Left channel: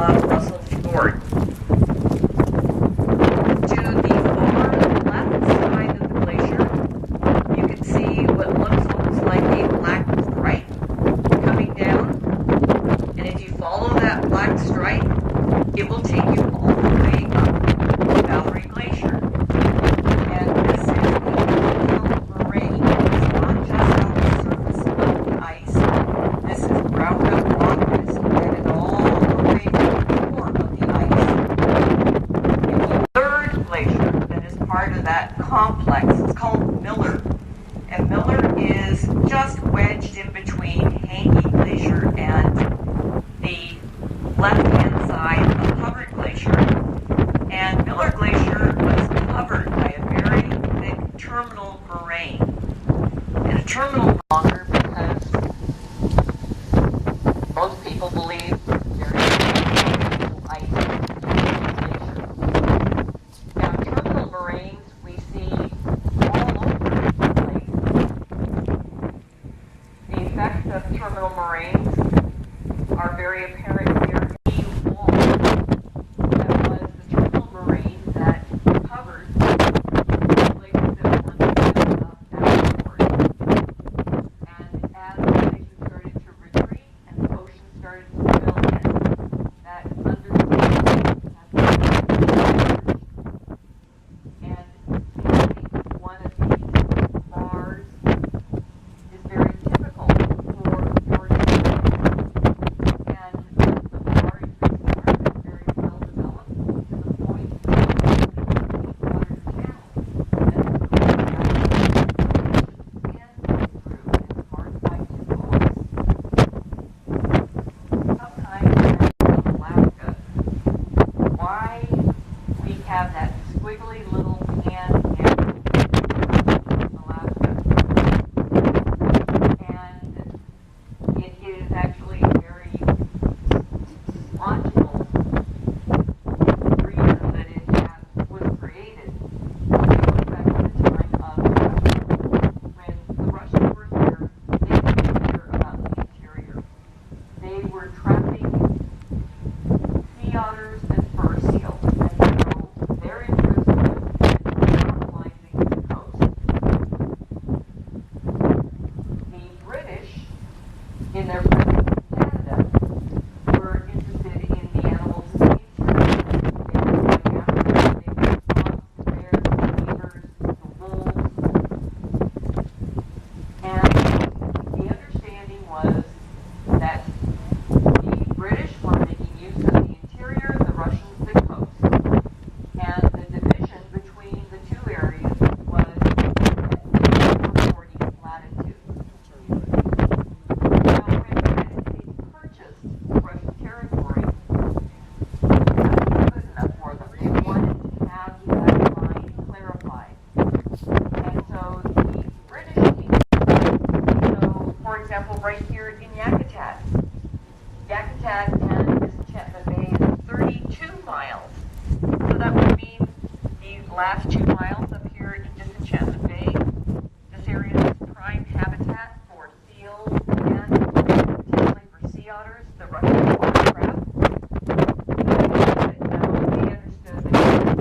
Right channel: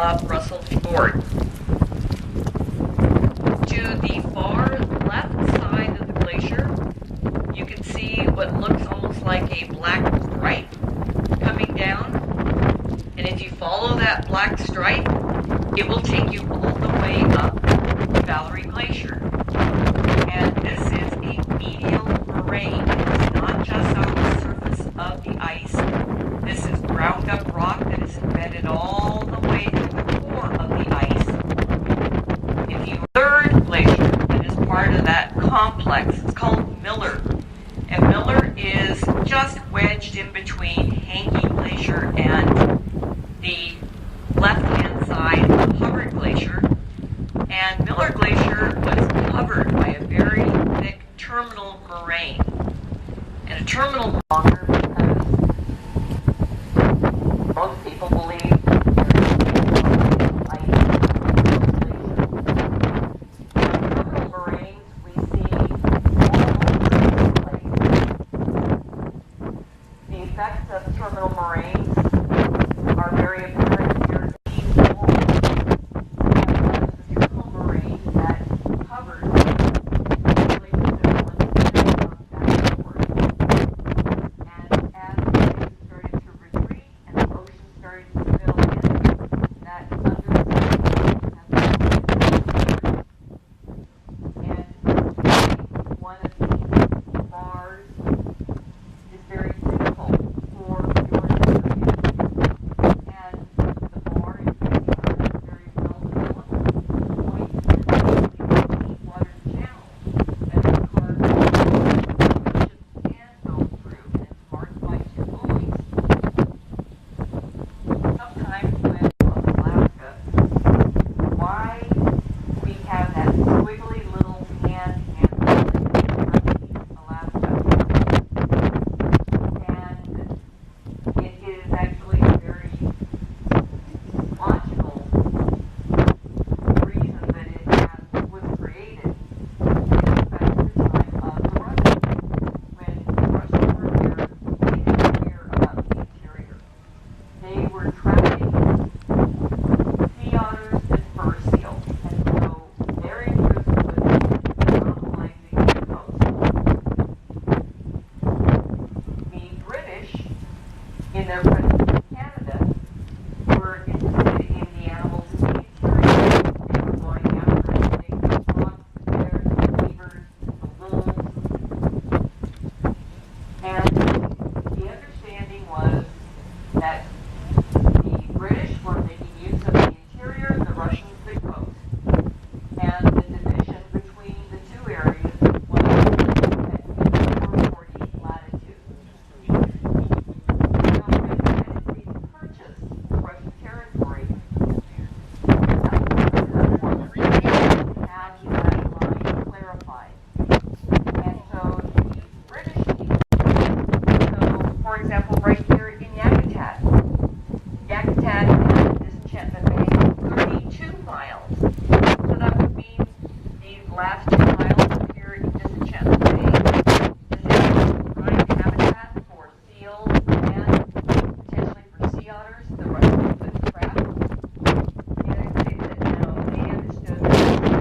of Russell Fjord. To the far left side of the glacier, you can see what looks almost like a black stripe coming down. And if you follow that black stripe, it will take you all the way up Valerie Glacier. And this is a medial moraine. It's not just on the surface of the ice. This is ground up rock that is embedded all the way to the core of the ice. In the third glacier that is part of that complex, it's called Miller. And Miller is just wedged in between Hankey Glacier and the left-hand side of Hubbard Glacier. And Miller Glacier was covered by a very thick terminal moraine. And a terminal longer because most people believe there is ice in the glacier. Now, terminal moraines we see all over the place. The effects of terminal moraines are very apparent here in these walls. That was the terminal moraine that covered the glaciers that once downward. And as the glaciers started to retreat and the ocean started to fill in, that underside has been and one of these bars is very difficult for your and the bar is very well developed point water channel that and go through and marked by two bullets. Sometimes in Alaska, why we have that squiggly little hand in Alaska. And it is actually a very logical reason that it was created. Back at the time of Russia, when Russians were there, they didn't hear about the interior. They were trapping sea otters and fur seals, and so their interest was colonizing the coast. The British, in their presence in Canada, were interested in the animals in the interior, and going after everything the fox, the bears, the beavers, the wolves. And the understanding was that the British were making use of the interior, the Russians the coast. And the division between the two areas was at 440 latitude. Now, when the United States purchased Russian territory, have that line clarified. And so the British people, so for example, right here in Yakutat and Disenchantment Bay, 32 miles. So that would mean these last 2 miles up here in Disenchantment Bay, this area is prime habitat for seals and particularly for sea otters, the Russian watercraft. And now they understood that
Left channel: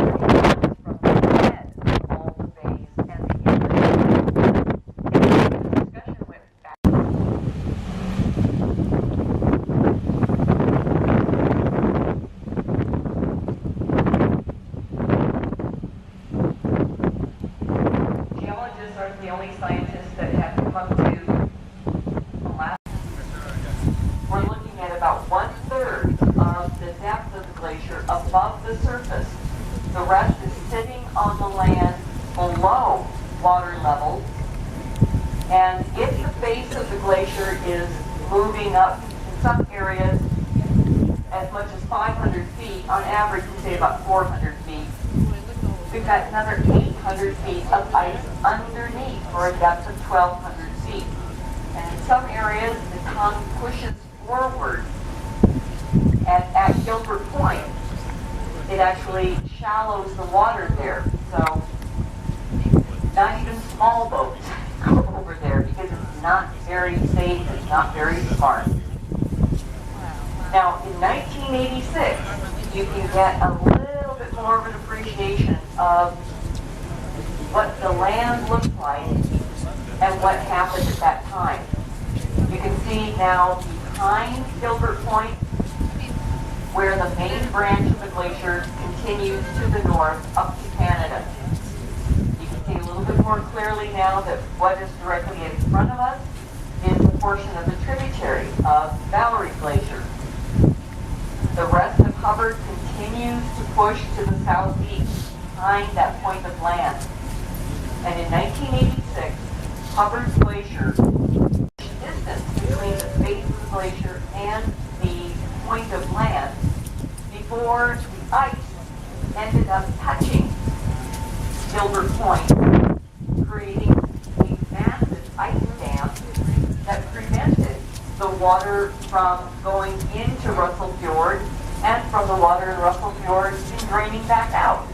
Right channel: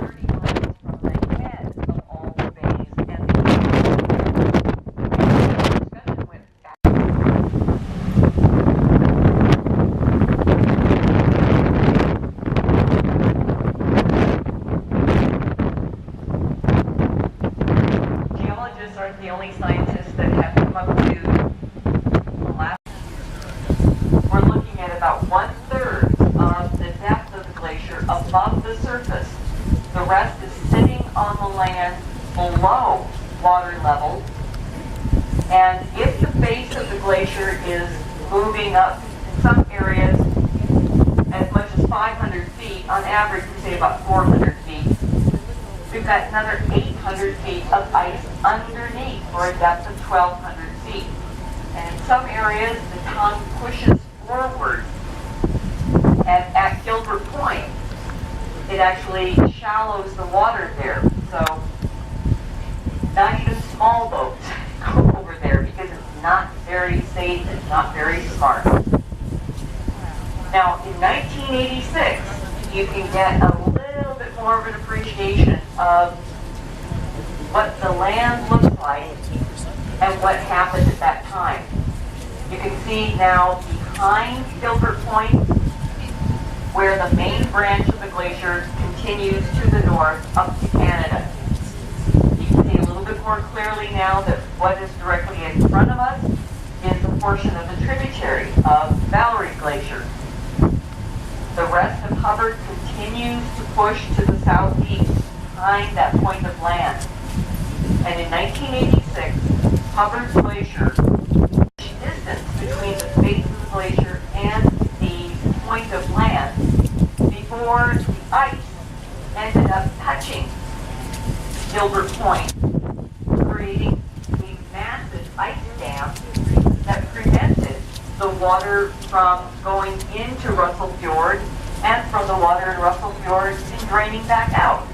30 miles from the head of all the bays and the discussion went back. Geologists aren't the only scientists that have come up to Alaska. We're looking at about 1/3 of the depth of the glacier above the surface. The rest is sitting on the land below water level. And if the base of the glacier is moving up in some areas as much as 500 feet, on average we say about 400 feet, we've got another 800 feet of ice underneath for a depth of 1,200 feet. And in some areas, the tongue pushes forward. And at Gilbert Point, it actually shallows the water there. So not even small boats go over there because it's not very safe, it's not very smart. Now, in 1986, you can get a little bit more of an appreciation of what the land looks like and what happened at that time. You can see now behind Gilbert Point, where the main branch of the glacier continues to the north up to Canada. You can see a little bit more clearly now that what is directly in front of us is a portion of the tributary of Valerie Glacier. The rest of Hubbard continues to push to the southeast behind that point of land. And in 1986, Hubbard Glacier, the distance between the base of the glacier and the point of land, before the ice ended up touching Gilbert Point, creating a massive ice dam that prevented the water from going into Russell Fjord and from the water in Russell Fjord draining back out.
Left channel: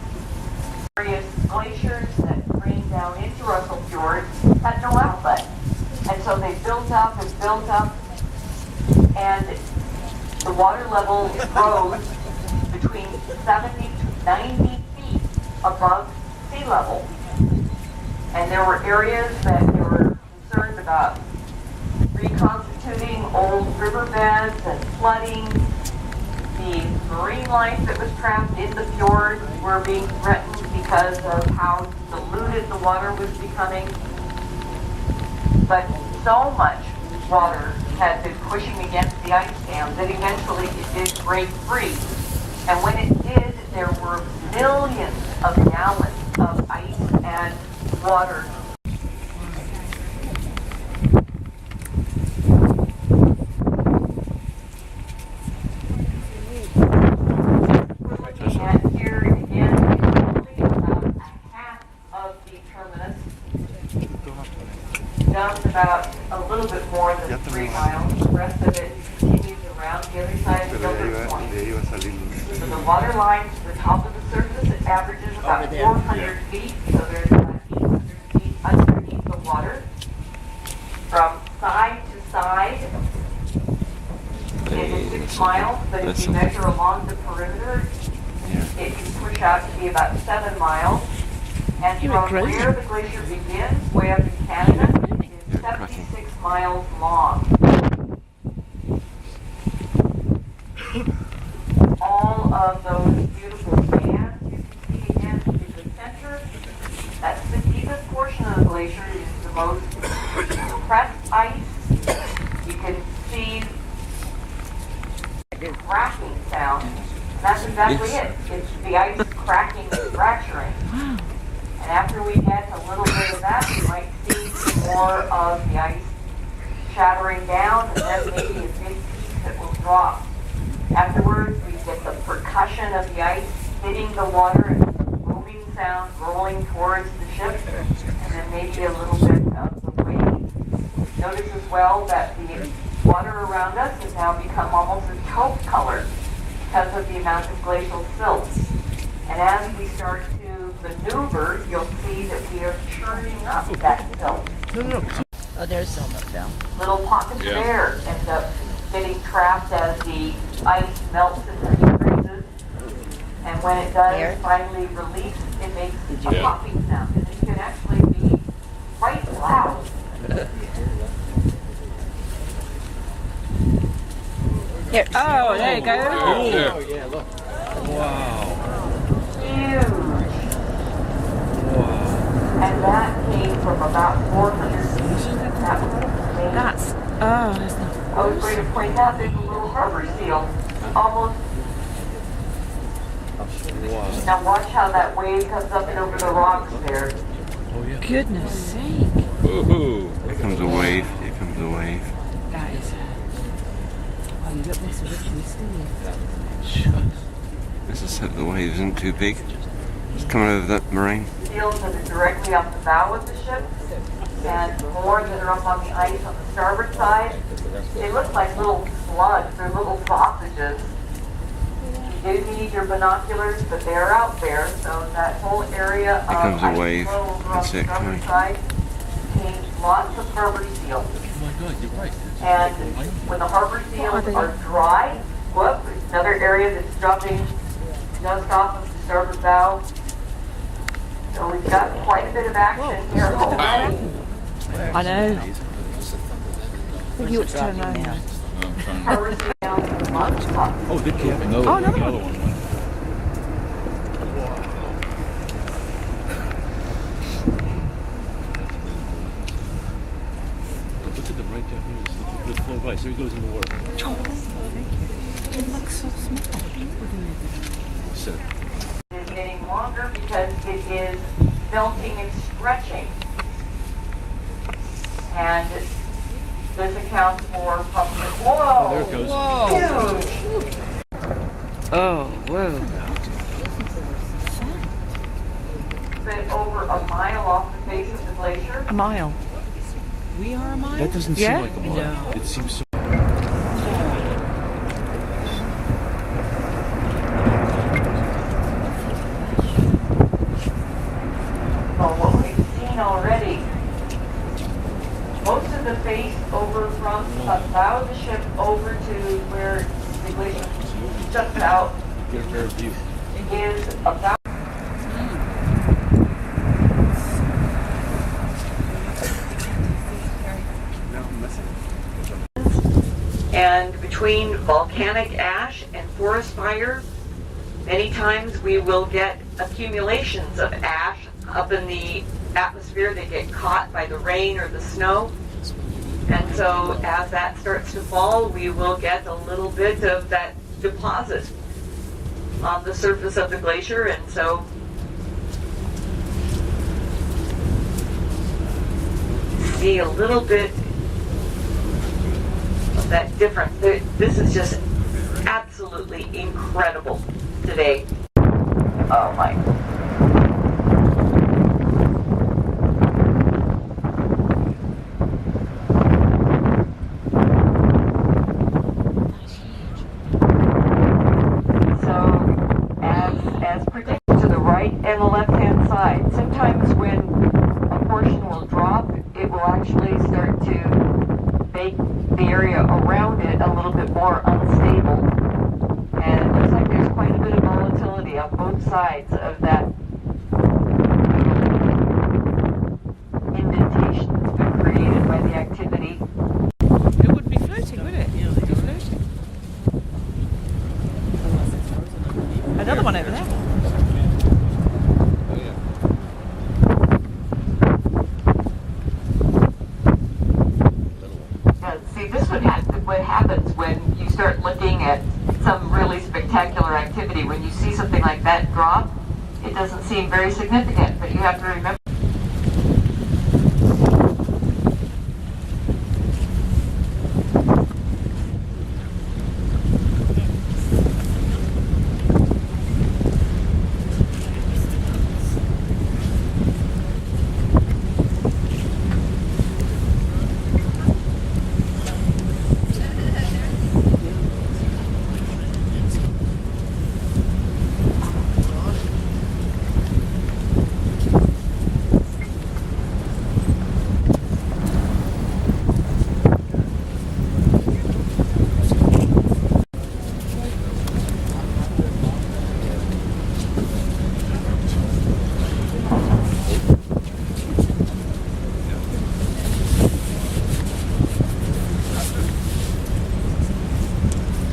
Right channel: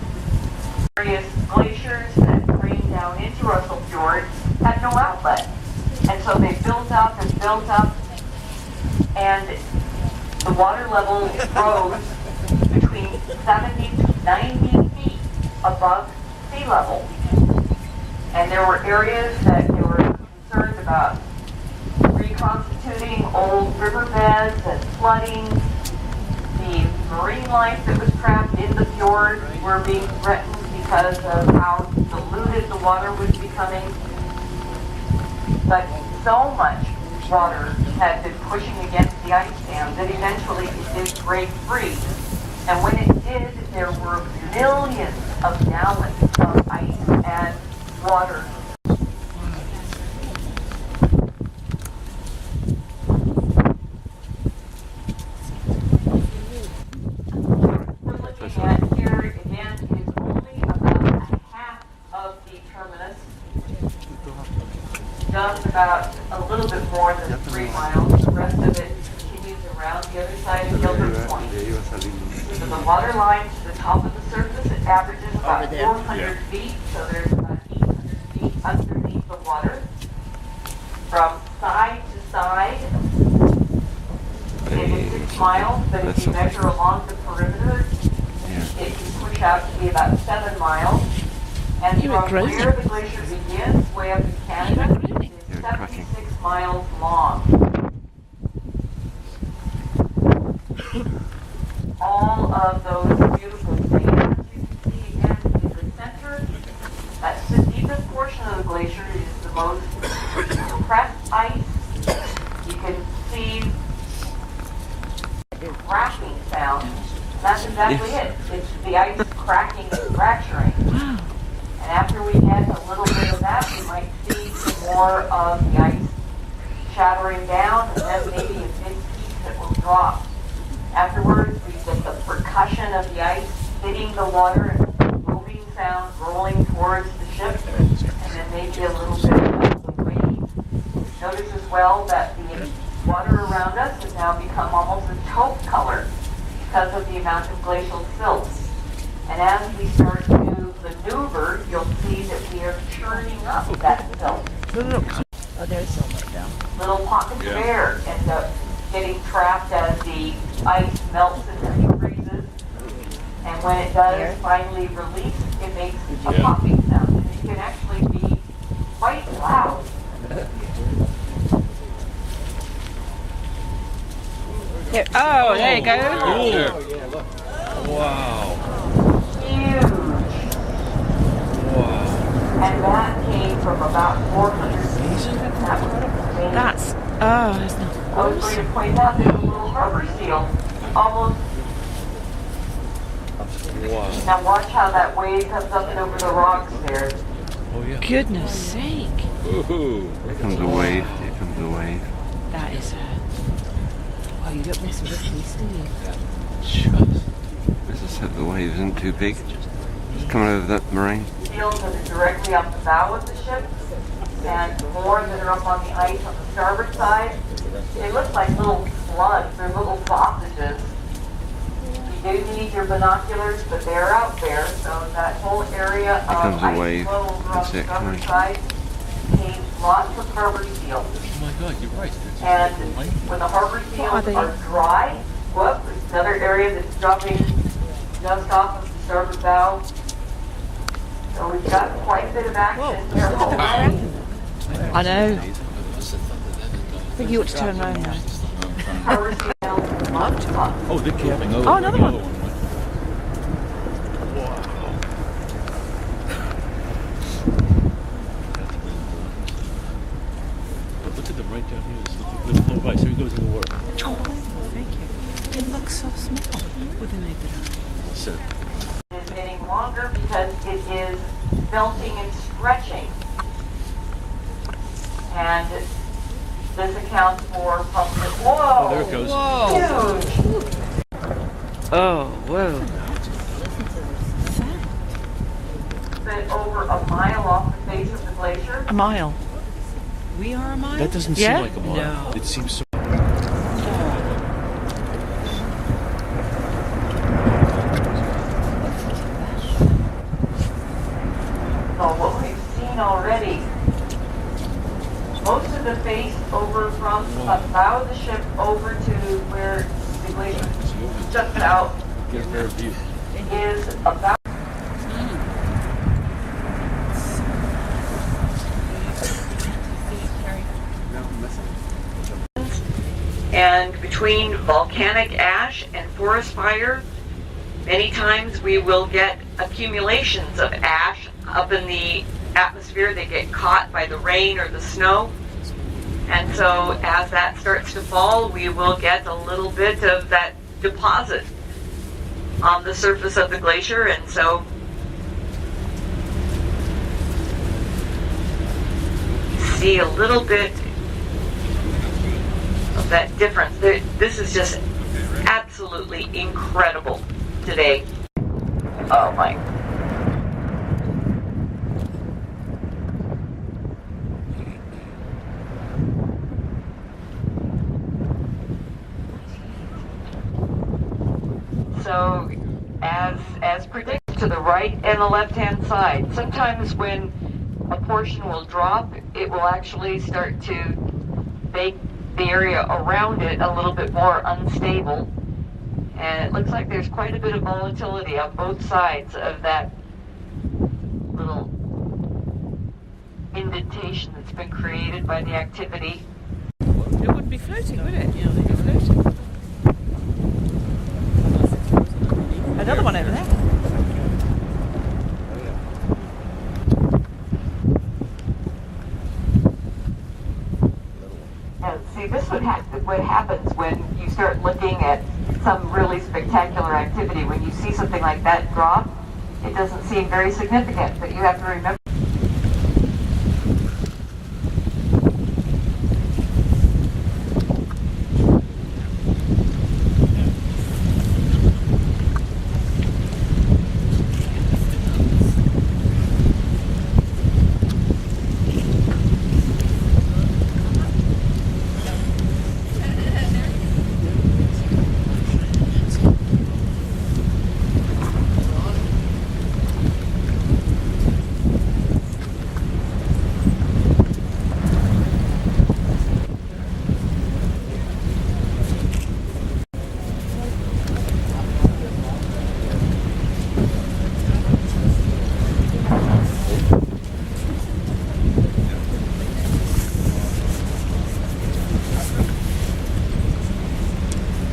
Various glaciers that drained down into Russell Fjord had no outlet. And so they built up and built up, and the water level rose between 70 to 90 feet above sea level. And there were areas that they were concerned about reconstituting old riverbeds and flooding. The marine life that was trapped in the fjord were being threatened because of how diluted the water was becoming. But so much water had been pushing against the ice dam that eventually it did break free. And when it did, there were millions of gallons of ice and water. We're looking at here again, only about half of the terminus, just about a little bit more than 3 miles. The rest of it continues around the other side of Gilbert Point. So the water line to the top of the surface, it averages about 400 feet, so there's about 800 feet underneath the water. From side to side, it is 6 miles, but if you measure along the perimeter, it can push out to be about 7 miles. And from where the glacier begins, way up in Canada, it's 76 miles long. All of those beautiful sands you can see again in the center. That's the deepest portion of the glacier. It is the most compressed ice. You can see the cracking sound. That's exactly it. It's the ice cracking and fracturing. And after we get a little bit of that, we might see some more of the ice shattering down, and then maybe a big piece that will drop. Afterwards, we get the percussion of the ice hitting the water and booming sound rolling towards the ship, and then maybe a little bit of the wave. Notice as well that the water around us has now become almost a taupe color because of the amount of glacial silt. And as we start to maneuver, you'll see that we are churning up that silt. Oh, there's so much down. Little pockets of air end up getting trapped as the ice melts and defreezes. And when it does finally release, it makes a popping sound. And it can actually be quite loud. Here. Oh, there you go. Oh, yeah, look. Wow. Huge. Wow. And that came from about 400 feet. That's not. I was going to point out there's a little harbor seal. Almost. Wow. Now watch how that wave comes up and over the rocks there. Oh, yeah. Goodness sake. Ooh. Here comes a wave. Here comes a wave. That is it. Oh, you got most of it As I said, the wave isn't too big. It's coming over that moraine. Seals that are directly off the bow of the ship, and more that are up on the ice on the starboard side. They look like little slugs. They're little sausages. You do need your binoculars, but they're out there. So that whole area of comes a ice wave. flow over on That's the it, starboard coming. side contains lots of harbor seals. Oh my God, you're right. And when the harbor seals are dry, area that's dropping just off of the starboard bow. So we've got quite a bit of action here. I know. I think you ought to turn around now. Oh, they keep another Oh, one. another The other one. one went. Look at them right down here. Let's flow by. So he goes in the water. It looks so small. Set. It's getting longer because it is melting and stretching. And this accounts for probably, whoa! Oh, there it goes. Huge! Oh, whoa. Bit over a mile off the face of the glacier. A mile. We are a mile? That doesn't Yeah? seem like a mile. No. It seems so. Well, what we've seen already, most of the face over from the bow of the ship over to where the glacier juts out Get a fair view. is about and between volcanic ash and forest fire, many times we will get accumulations of ash up in the atmosphere. They get caught by the rain or the snow. And so as that starts to fall, we will get a little bit of that deposit on the surface of the glacier. And so see a little bit of that difference. This is just absolutely incredible today. Oh my. So as predicted, to the right and the left-hand side, sometimes when a portion will drop, it will actually start to make the area around it a little bit more unstable. And it looks like there's quite a bit of volatility on both sides of that little indentation that's been created by the activity. It would be floating, wouldn't it? Yeah, they'd be floating. Unless it's frozen underneath. Another one over there. See, this would what happens when you start looking at some really spectacular activity. When you see something like that drop, it doesn't seem very significant, but you have to remember.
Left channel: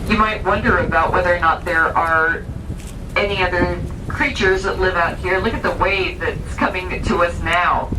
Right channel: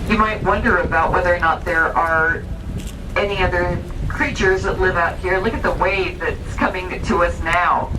You might wonder about whether or not there are any other creatures that live out here. Look at the wave that's coming to us now.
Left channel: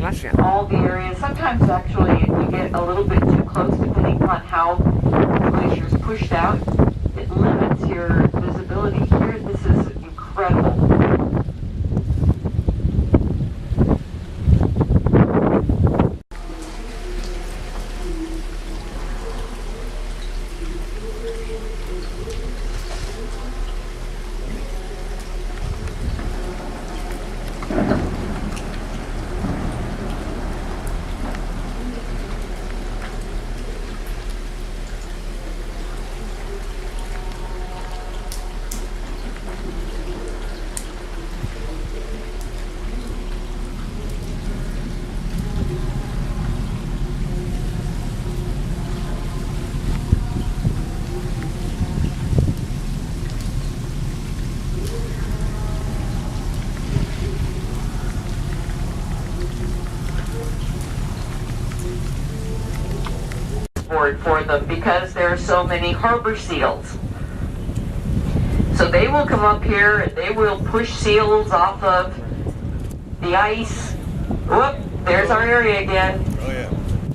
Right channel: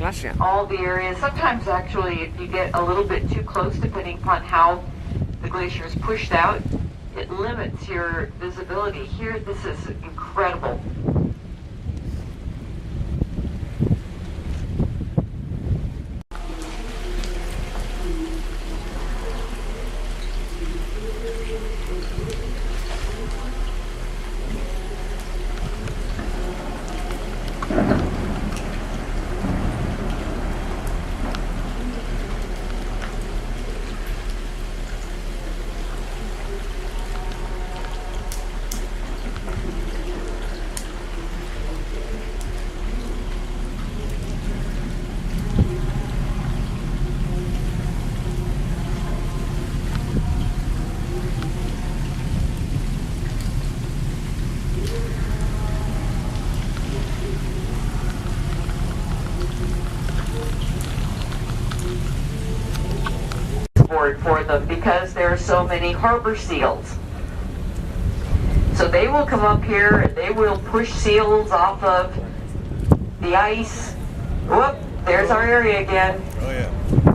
glacier. all the areas. Sometimes actually you get a little bit too close depending upon how the glacier is pushed out. It limits your visibility here. This is incredible. For them because there are so many harbor seals. So they will come up here and they will push seals off of the ice. Whoop, there's our area again. Oh yeah.